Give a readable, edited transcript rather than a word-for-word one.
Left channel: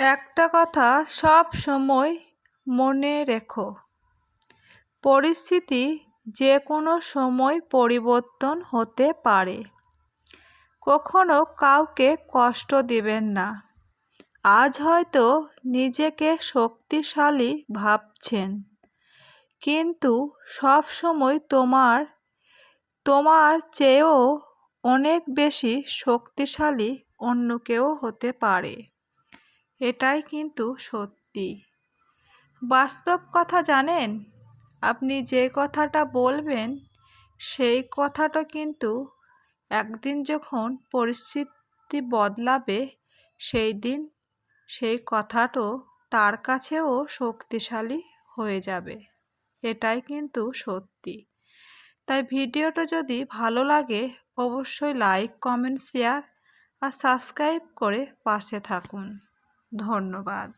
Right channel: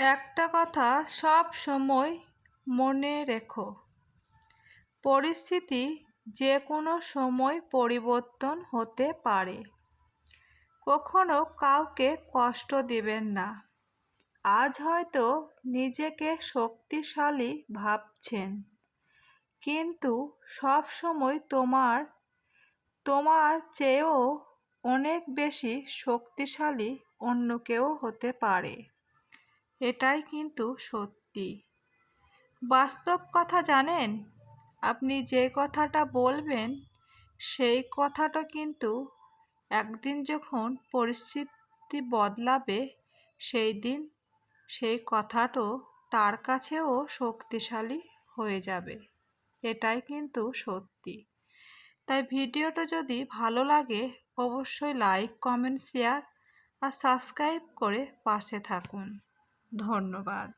একটা কথা সব সময় মনে রেখো, পরিস্থিতি যে কোনো সময় পরিবর্তন হতে পারে। কখনো কাউকে কষ্ট দিবেন না। আজ হয়তো নিজেকে শক্তিশালী ভাবছেন, কিন্তু সব সময় তোমার চেয়েও অনেক বেশি শক্তিশালী অন্য কেউ হতে পারে। এটাই কিন্তু সত্যি। বাস্তব কথা জানেন, আপনি যে কথাটা বলবেন সেই কথাটা কিন্তু একদিন যখন পরিস্থিতি বদলাবে সেই দিন সেই কথাটাও তার কাছেও শক্তিশালী হয়ে যাবে। এটাই কিন্তু সত্যি। তাই ভিডিওটা যদি ভালো লাগে অবশ্যই লাইক, কমেন্ট, শেয়ার আর সাবস্ক্রাইব করে পাশে থাকুন। ধন্যবাদ।